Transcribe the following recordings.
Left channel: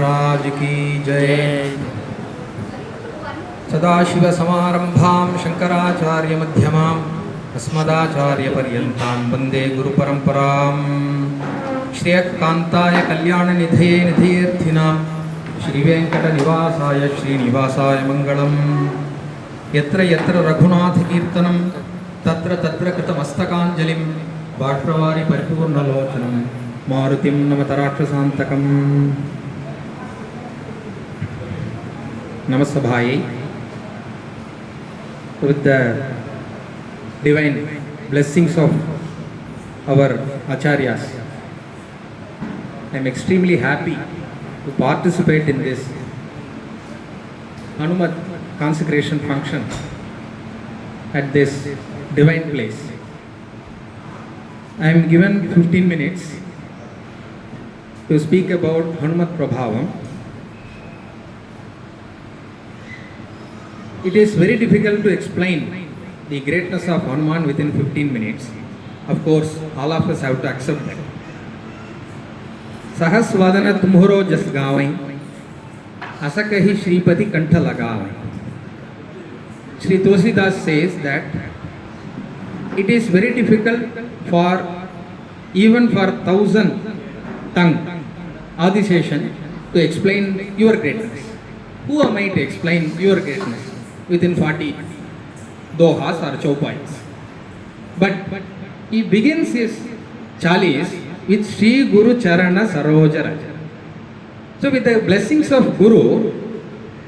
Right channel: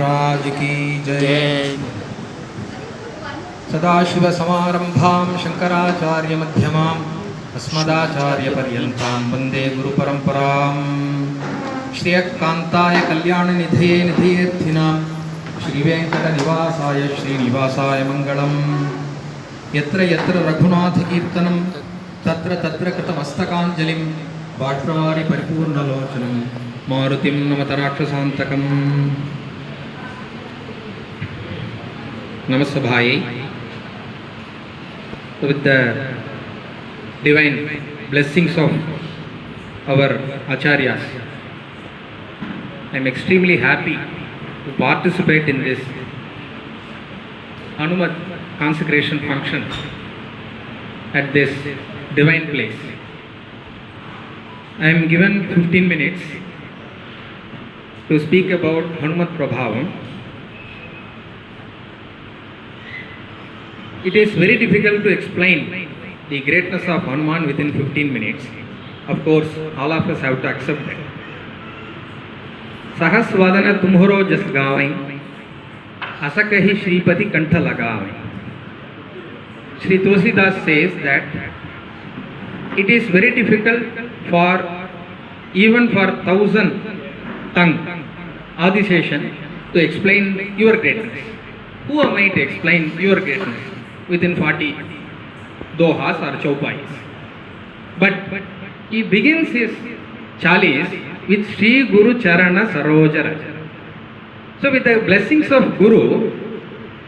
राज की जय। जय। सदाशिवसमारम्भां शङ्कराचार्यमध्यमाम् अस्मदाचार्यपर्यन्तां वन्दे गुरुपरम्पराम्। श्रियकान्ताय कल्याणनिधये निधयेऽर्थिनां श्रीवेङ्कटनिवासाय श्रीनिवासाय मङ्गलम्। यत्र यत्र रघुनाथकीर्तनं तत्र तत्र कृतमस्तकाञ्जलिं बाष्पवारि परिपूर्णलोचनं मारुतिं नमत राक्षसान्तकम्। Namasabhai, with the divine blessings of our Acharyas, I am extremely happy to participate in this Hanumath consecration function at this divine place. I am given 15 minutes to speak about Hanumath Prabhavam. It is very difficult to explain the greatness of Hanuman within 15 minutes. Of course, all of us have to accept that. Sahasvadana tumharo jas gaavai, asakahi Shripati kantha lagavai. Sri Tulsidas says that it is very difficult for even for 1,000 tongue Adiseshan to explain your greatness. Who am I to explain your greatness within 40 dohas or chaupais? But he begins his chalis with Sri Guru Charana Saroja Raja. So with the blessings of Guru,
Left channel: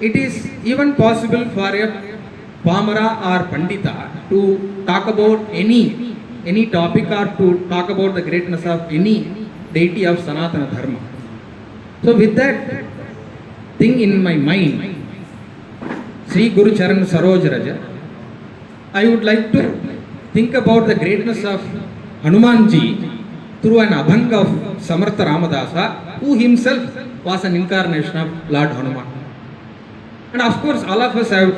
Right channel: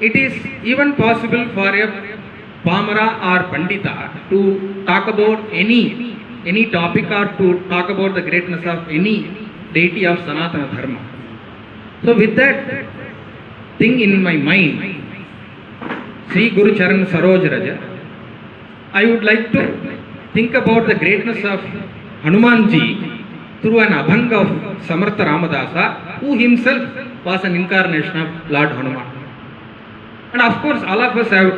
it is even possible for a Pamara or Pandita to talk about any topic or to talk about the greatness of any deity of Sanatana Dharma. So with that thing in my mind, Sri Guru Charan Saroj Raja, I would like to think about the greatness of Hanumanji through an abhanga of Samartha Ramadasa, who himself was an incarnation of Lord Hanuman. And of course, all of us have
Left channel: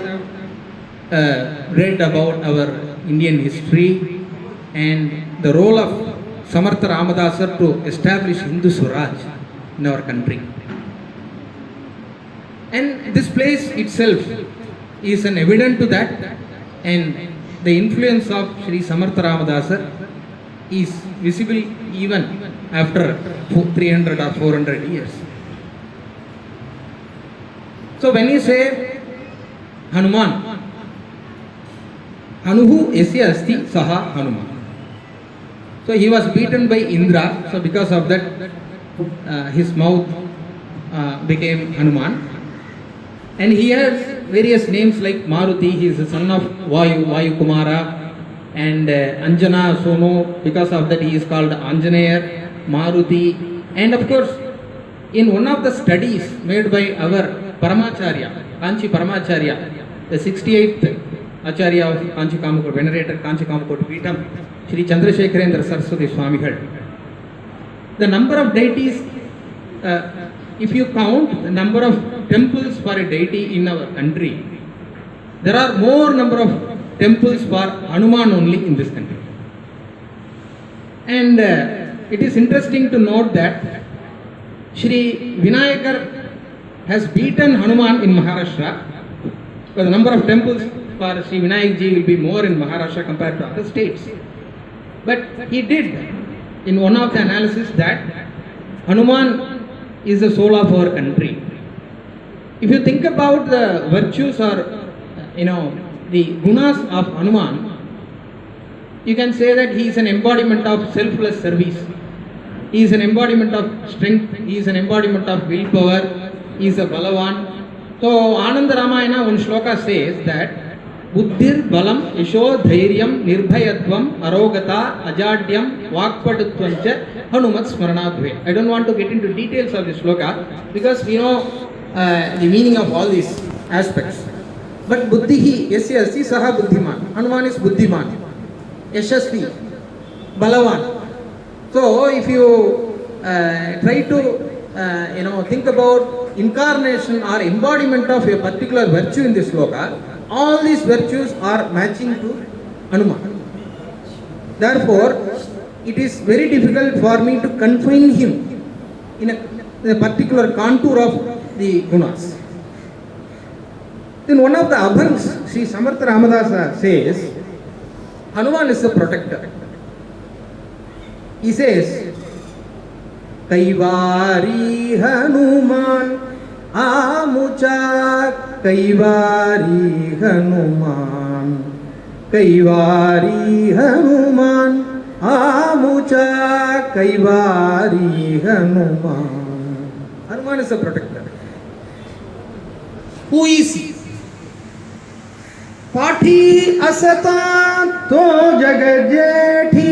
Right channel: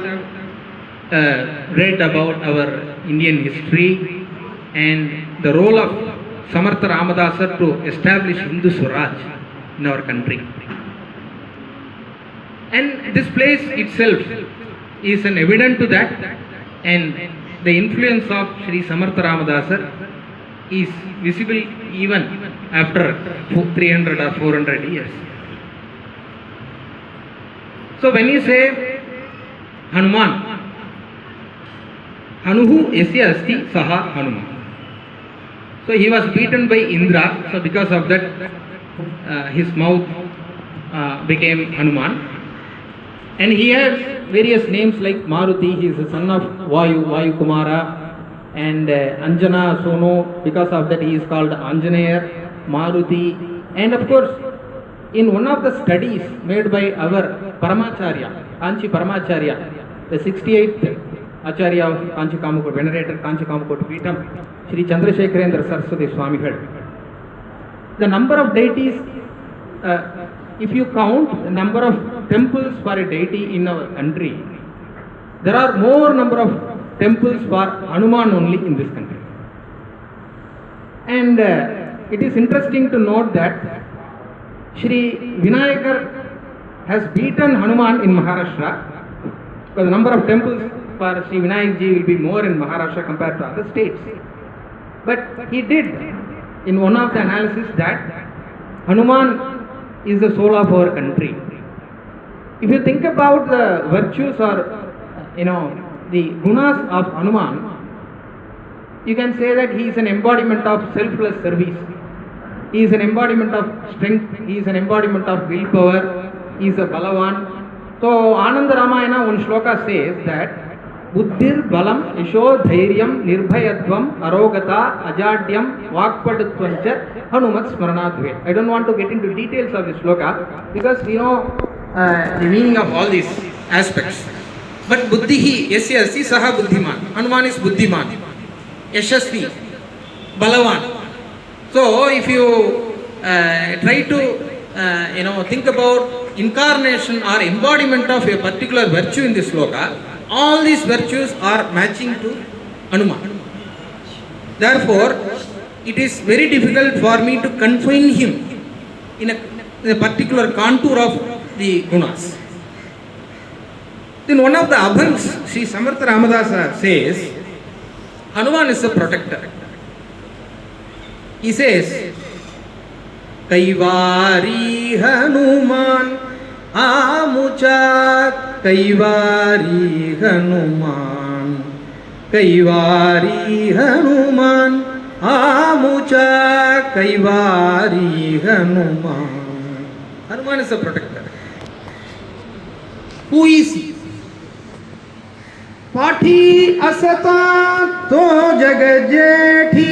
read about our Indian history and the role of Samartha Ramadasa to establish Hindu Swaraj in our country. And this place itself is an evidence to that, and the influence of Sri Samartha Ramadasa is visible even after 300 or 400 years. So when you say Hanuman, Hanuhu Esya Asti Saha Hanuman. So he was beaten by Indra, so because of that his mouth became Hanuman. And he has various names like Maruti, he is the son of Vayu Kumara, and Anjana Sono, because of that he is called Anjaneer, Maruti. And of course, in one of the studies made by our Paramacharya, Kanchi Paramacharya, the 68th Acharya of Kanchi Kamakot, venerated Kanchi Kamakot Peetham, Sri Chandrasekharendra Saraswati Swamigal. The number of deities, if you count the number of temples for a deity in our country, there are more number of temples for Hanuman only in this country. And it is interesting to note that Sri Vinayakar has beaten Hanuman in Maharashtra, but the number of temples for Sri Vinayakji will be more in Maharashtra compared to other states. But he did in one of the analysis that Hanuman is the soul of our country. If you think about the virtues or the gunas of Hanuman, you can say that he is an embodiment of selfless service. He is an embodiment of strength. He is an embodiment of willpower. He is a Balavan. So Ananda Ramayana, one shloka says that Buddhir Balam Yasho Dhairyam Nirbhayatvam Arogata Ajadyam Vakpadutvancha Hanumat Smaranadve. I don't want to get into details of this shloka because we know the meaning of all these aspects. But Buddhihi Yasya Asti Saha Buddhiman. Hanuman is Buddhiman, Yashasvi, Balavan. So if you try to think about incarnation or embodiment of a particular virtue in this shloka, all these virtues are matching to Hanuman. Therefore, it is very difficult for me to confine him in a the particular contour of the gunas. In one of the abhangs, Sri Samartha Ramadasa says, Hanuman is a protector. He says, Kaivari Hanuman Amucha Kaivari Hanuman Kaivari Hanuman Amucha Kaivari Hanuman. Hanuman is a protector. Who is he? Pati asata to jagajethi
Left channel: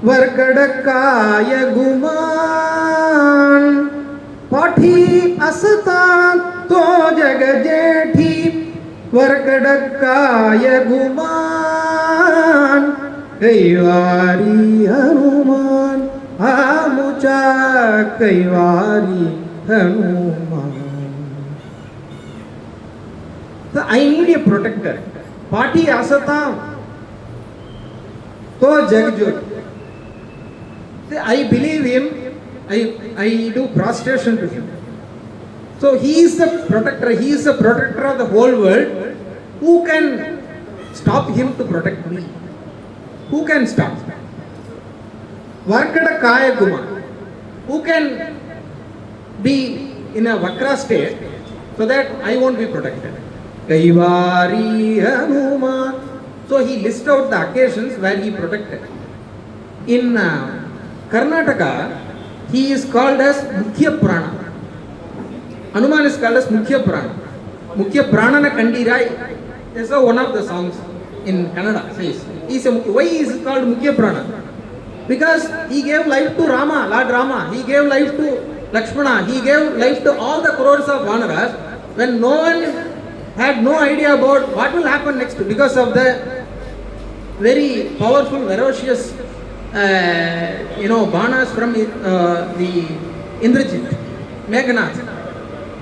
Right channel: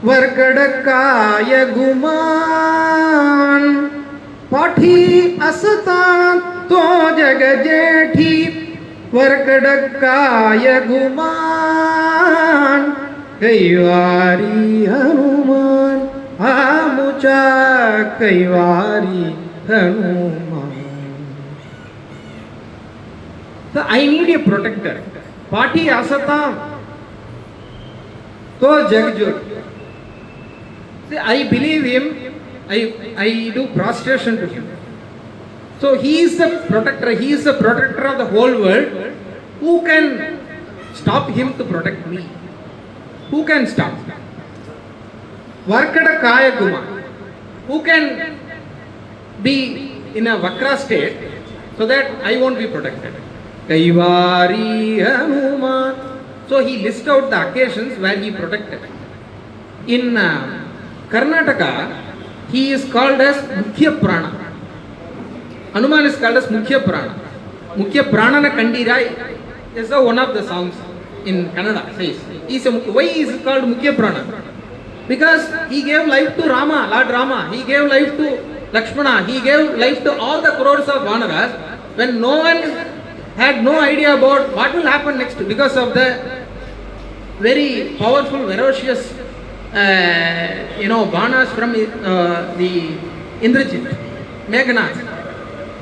varkadakaya guman. Pati asata to jagajethi varkadakaya guman. Kaivari Hanuman Amucha Kaivari Hanuman. So I need a protector. Pati asata to jagjot. I believe him. I do prostration to him. So he is the protector. He is the protector of the whole world. Who can stop him to protect me? Who can stop? Varkada Kaya Guma. Who can be in a Vakra state so that I won't be protected? Kaivari Hanuman. So he lists out the occasions where he protected. In Karnataka, he is called as Mukhya Prana. Hanuman is called as Mukhya Prana. Mukhya Prana na Kandirai. That's one of the songs in Kannada says. Why is it called Mukhya Prana? Because he gave life to Rama, Lord Rama. He gave life to Lakshmana. He gave life to all the crores of Vanaras when no one had no idea about what will happen next because of the very powerful, ferocious Banas from the Indrajit, Meghnath.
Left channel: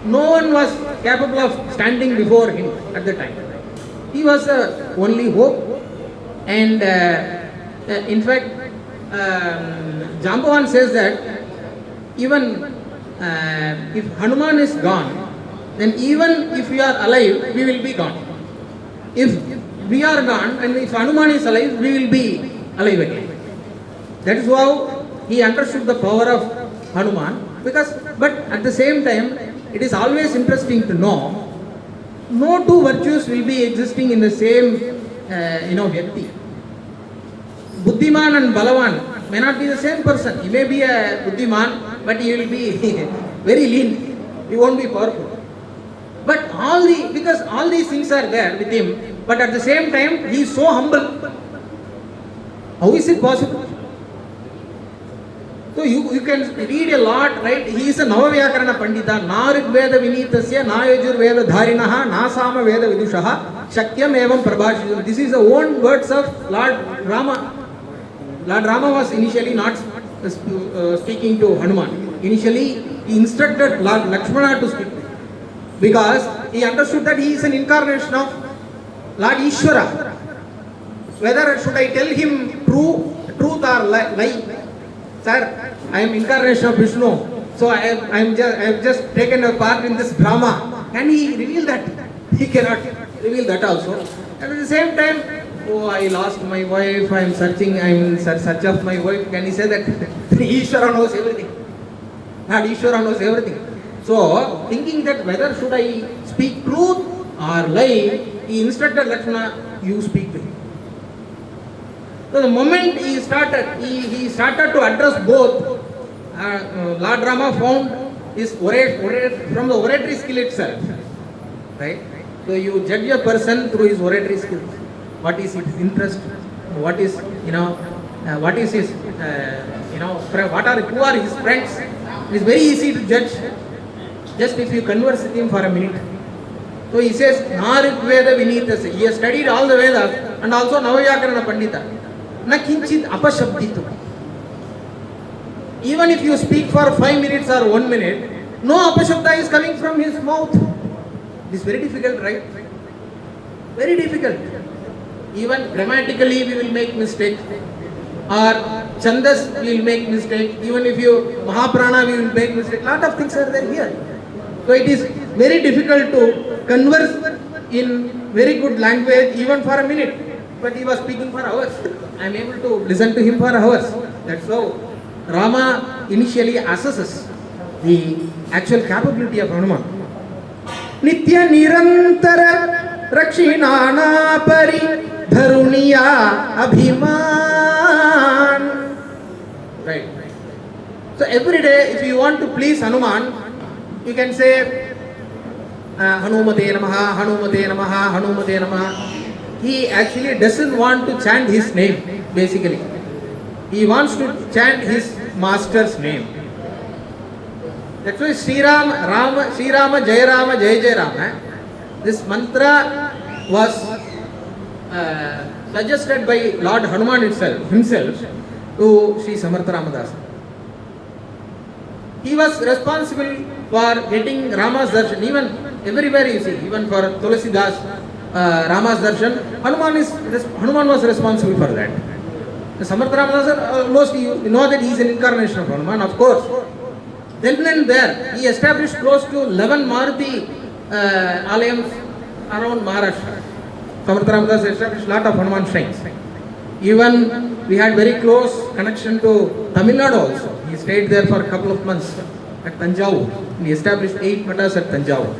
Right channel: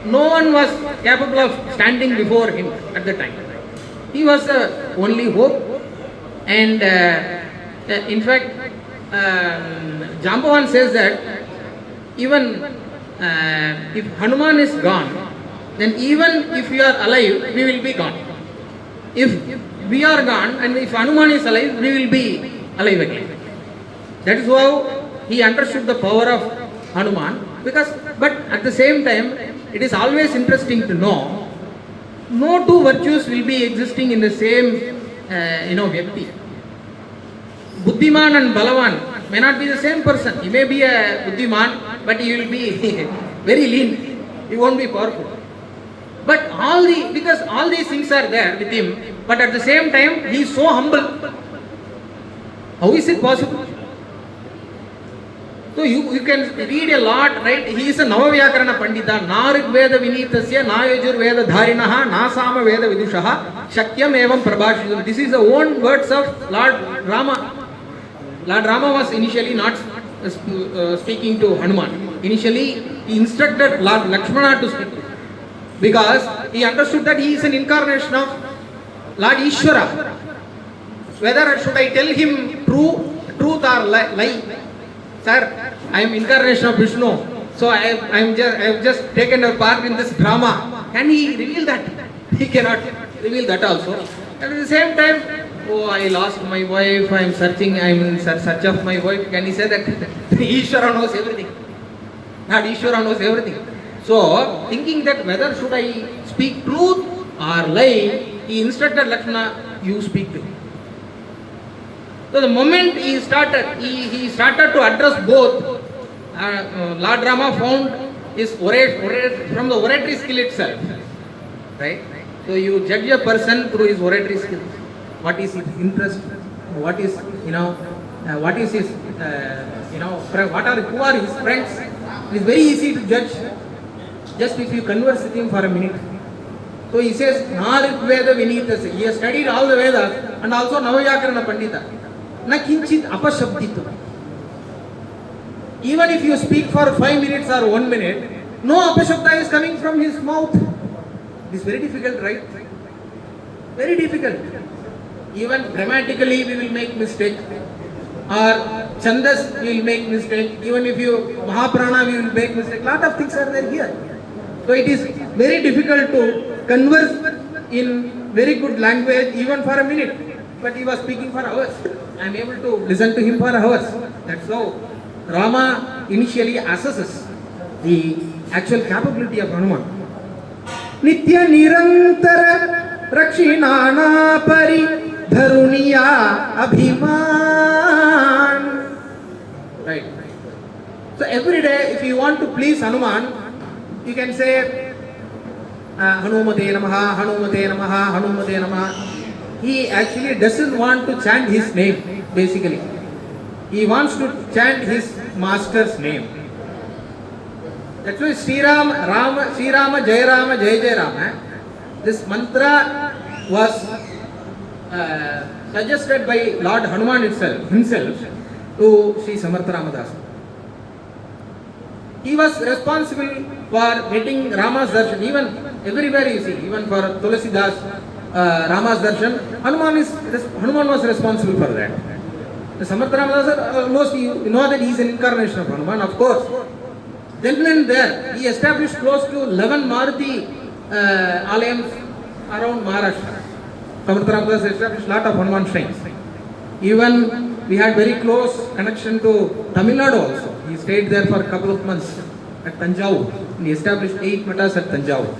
No one was capable of standing before him at the time. He was the only hope. And in fact, Jambavan says that even if Hanuman is gone, then even if we are alive, we will be gone. If we are gone and if Hanuman is alive, we will be alive again. That is how he understood the power of Hanuman. But at the same time, it is always interesting to know, no two virtues will be existing in the same, Vyakti. Buddhiman and Balavan may not be the same person. He may be a Buddhiman, but he will be very lean. He won't be powerful. But because all these things are there with him, but at the same time, he is so humble. How is it possible? So you can read a lot, right? He is a Navavyakarana Pandita. Narik Veda Vinitasya, Nayajur Veda Dharinaha, Nasama Veda Vidushaha, Shakyam Evam Prabhashidam. This is the own words of Lord Rama. Lord Rama was initially not speaking to Hanuman. Initially, he instructed Lord Lakshmana to speak to him. Because he understood that he is an incarnation of Lord Ishvara. Whether should I tell him truth or lie? Sir, I am incarnation of Vishnu. So I have just taken a part in this drama. Can he reveal that? He cannot reveal that also. And at the same time, oh, I lost my wife, I am in search of my wife. Can he say that? Ishvara knows everything. Not Ishvara knows everything. So, thinking that whether should I speak truth or lie, he instructed Lakshmana, you speak to him. So the moment he started to address both, Lord Rama found his from the oratory skill itself. Right? So you judge a person through his oratory skills. What is his interest? What is, what is his, who are his friends? It is very easy to judge just if you converse with him for a minute. So he says, Narik Veda Vinitasya. He has studied all the Vedas and also Navavyakarana Pandita. Na kinchit apashabditu. Even if you speak for 5 minutes or 1 minute, no apashabda is coming from his mouth. It is very difficult, right? Very difficult. Even grammatically we will make mistakes. or Chandas we will make mistake, even if you Mahaprana we will make mistake. Lot of things are there here. So it is very difficult to converse in very good language even for a minute. But he was speaking for hours. I am able to listen to him for hours. That's how Rama initially assesses the actual capability of Hanuman. Nitya Nirantara Rakshinana Pari Dharuniya Abhiman. Right. So every day, if you want to please Hanuman, you can say Hanumate Namaha, Hanumate Namaha, Hanumate Namaha. He actually doesn't want to chant his name, basically. He wants to chant his master's name. That's why Sri Rama, Jai Rama, Jai Jai Rama. This mantra was suggested by Lord Hanuman himself to Sri Samartha Ramadasa. He was responsible for getting Rama's darshan. Even everywhere you see, even for Tulasidas, Rama's darshan, Hanuman was responsible for that. The Samartha Ramadasa, almost you know that he is an incarnation of Hanuman, of course. Then and there, he established close to 11 Maruti alayams around Maharashtra. Samartha Ramadasa established lot of Hanuman shrines. Even we had very close connection to Tamil Nadu also. He stayed there for a couple of months at Tanjavur. He established 8 matas at Tanjavur.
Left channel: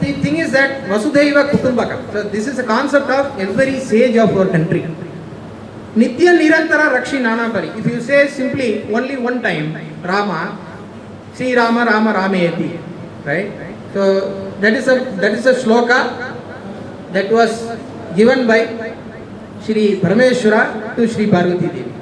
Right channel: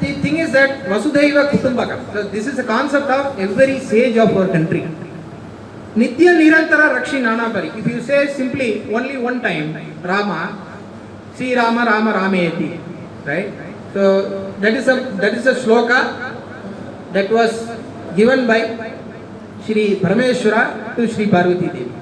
The thing is that Vasudhaiva Kutumbakam. So this is a concept of every sage of our country. Nitya Nirantara Rakshi Nanapari. If you say simply only one time Rama, Sri Rama Rama Rameti, right? So that is a shloka that was given by Shri Parameshwara to Shri Parvati Devi.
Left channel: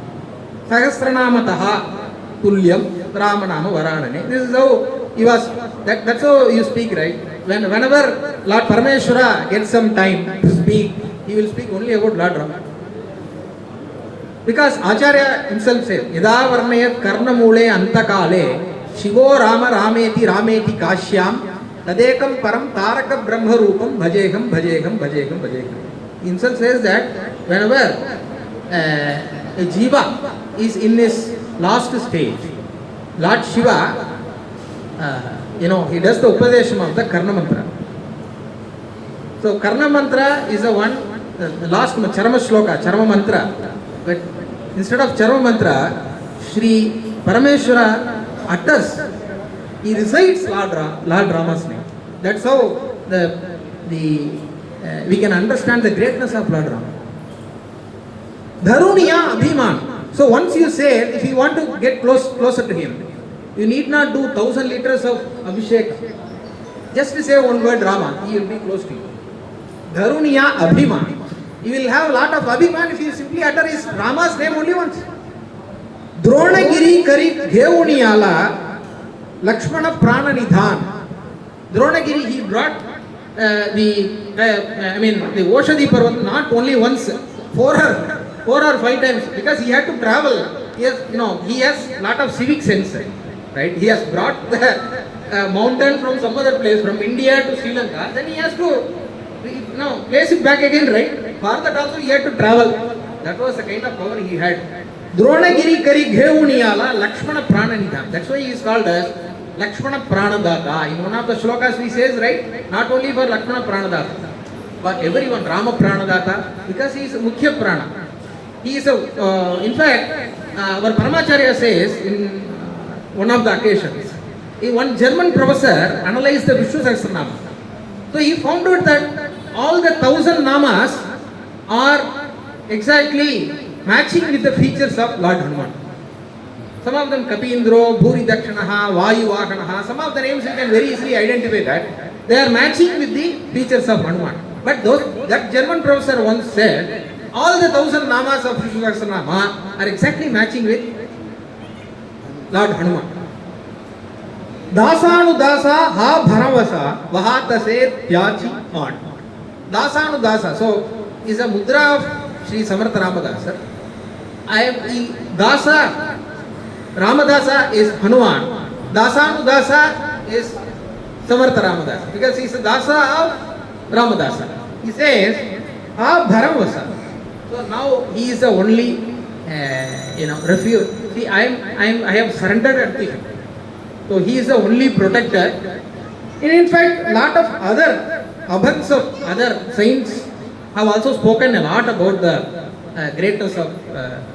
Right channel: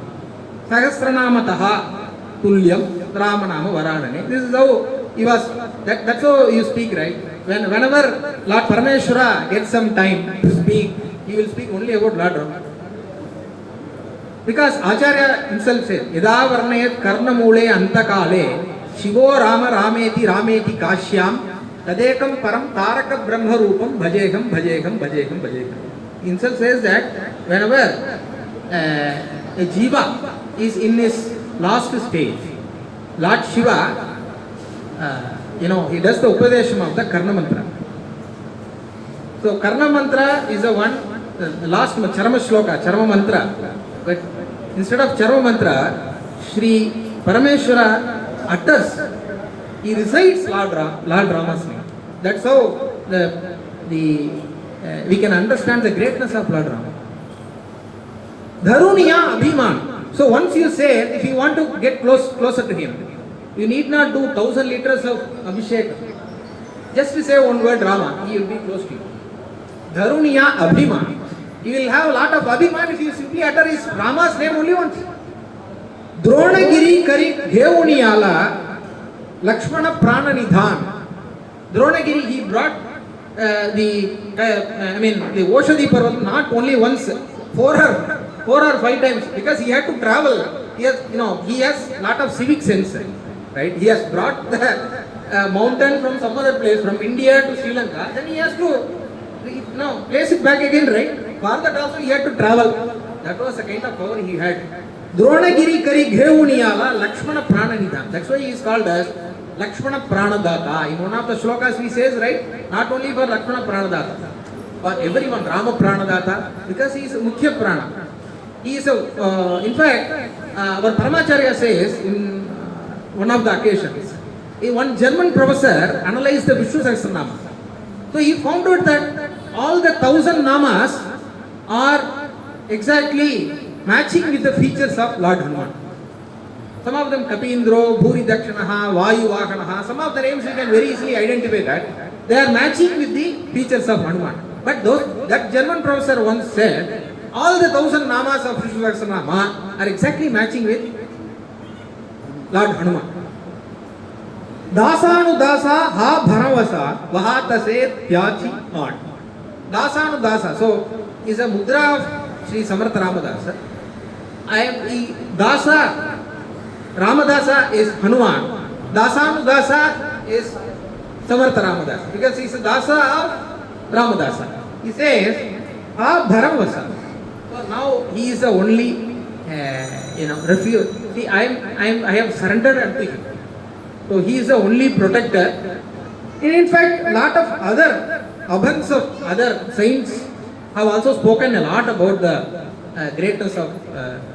Sahasranamataha Tulyam Ramanama Varanane. This is how he was. That's how you speak, right? Whenever Lord Parameshwara gets some time to speak, he will speak only about Lord Rama. Because Acharya himself says, Yada Varnayat Karnamule Antakale Shivo Rama Rameti Rameti Kashyam Tadekam Param Taraka Brahma Rupam Bhajeham Bhajeham Bhajeham Bhajeham. He himself says that whenever a Jiva is in his last stage, Lord Shiva, he does the Upadesham of the Karna Mantra. So Karna Mantra is the one, the last Charama Shloka, Charama Mantra. But instead of Charama Mantra, Shri Parameshwara utters, he recites Lord Rama's name. That's how we can understand the greatness of Lord Rama. Dharuniya Abhiman. So once you say, if you want to get closer to him, you need not do 1,000 liters of Abhishek. Just to say one word Rama, he will be close to you. Dharuniya Abhiman. You will have a lot of Abhiman if you simply utter his Rama's name only once. Dronagiri Kari Gheuniyala Lakshmana Prana Nidhan. Dronagiri, he brought the Oshadi Parvat not only once, 4 or 5 times, because he had to travel. He has a lot of civic sense, right? He has brought the mountain from some other place, from India to Sri Lanka. Then he has to place it back again, right? For that also he had to travel. That was the kind of power he had. Dronagiri Kari Gheuniyala Lakshmana Prananidha. That's why he is called as Lakshmana Pranadata. In one of the shlokas he says, right, not only for Lakshmana Pranadata, for everyone, Rama Pranadata, because he is a Mukhya Prana. He is in fact, our Paramacharya says in one of the occasions, one German professor analyzed the Vishnu Sahasranama. So he found out that all the 1,000 namas are exactly matching with the features of Lord Hanuman. Some of them Kapindro, Bhuri Dakshanaha, Vayu Vahanaha, some of the names you can very easily identify that. They are matching with the features of Hanuman. But that German professor once said, all the 1,000 namas of Vishnu Sahasranama are exactly matching with Lord Hanuman. Dasanu Dasa Ha Bharavasa Vahatase Tyachi On. Dasanu Dasa. So, is a mudra of Sri Samartha Ramadasa. Dasa, Ramadasa is Hanuman. Dasanu Dasa is Samartha Ramadasa. Because he is a Dasa of Ramadasa. He says, Ha Bharavasa. So now he is the only refuge. See, I have surrendered at the feet. So he is the only protector. And in fact, lot of other abhans of other saints have also spoken a lot about the greatness of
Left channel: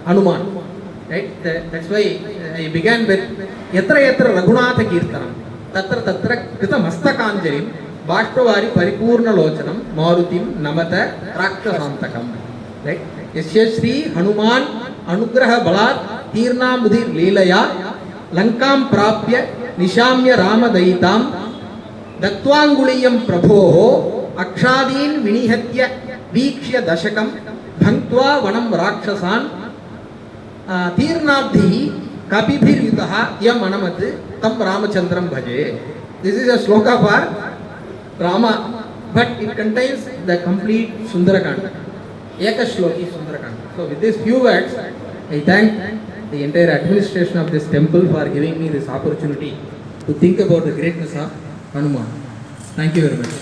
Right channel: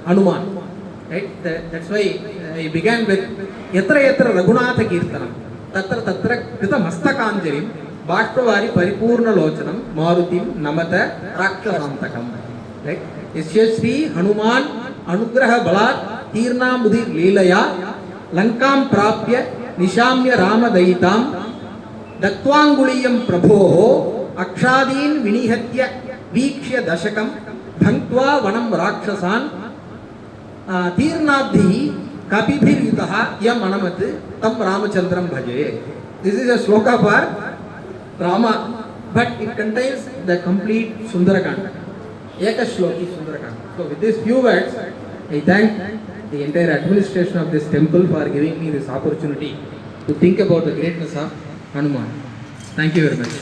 Hanuman. Right? That's why I began with Yatra Yatra Raghunatha Kirtanam Tatra Tatra Krita Mastakanjarim Bashpavari Paripurna Lochanam Marutim Namata Rakshasantakam. Right? Yasya Shri Hanuman Anugraha Balat Tirna Mudhir Leelaya Lankam Prapya Nishamya Rama Daitam Datvanguliyam Prabho Akshadin Vinihatya Vikshya Dashakam Bhantva Vanam Rakshasan Tirnabdhi Kapibhir Yutaha Yam Anamat Tam Ramachandram Bhaje. This is a sloka for Rama, but it contains the complete Sundarakanda. Ekashloki Sundarakanda. So with these few words, I thank the entire administration of this temple for giving me this opportunity to think about the greatness of Hanuman. Thank you very much.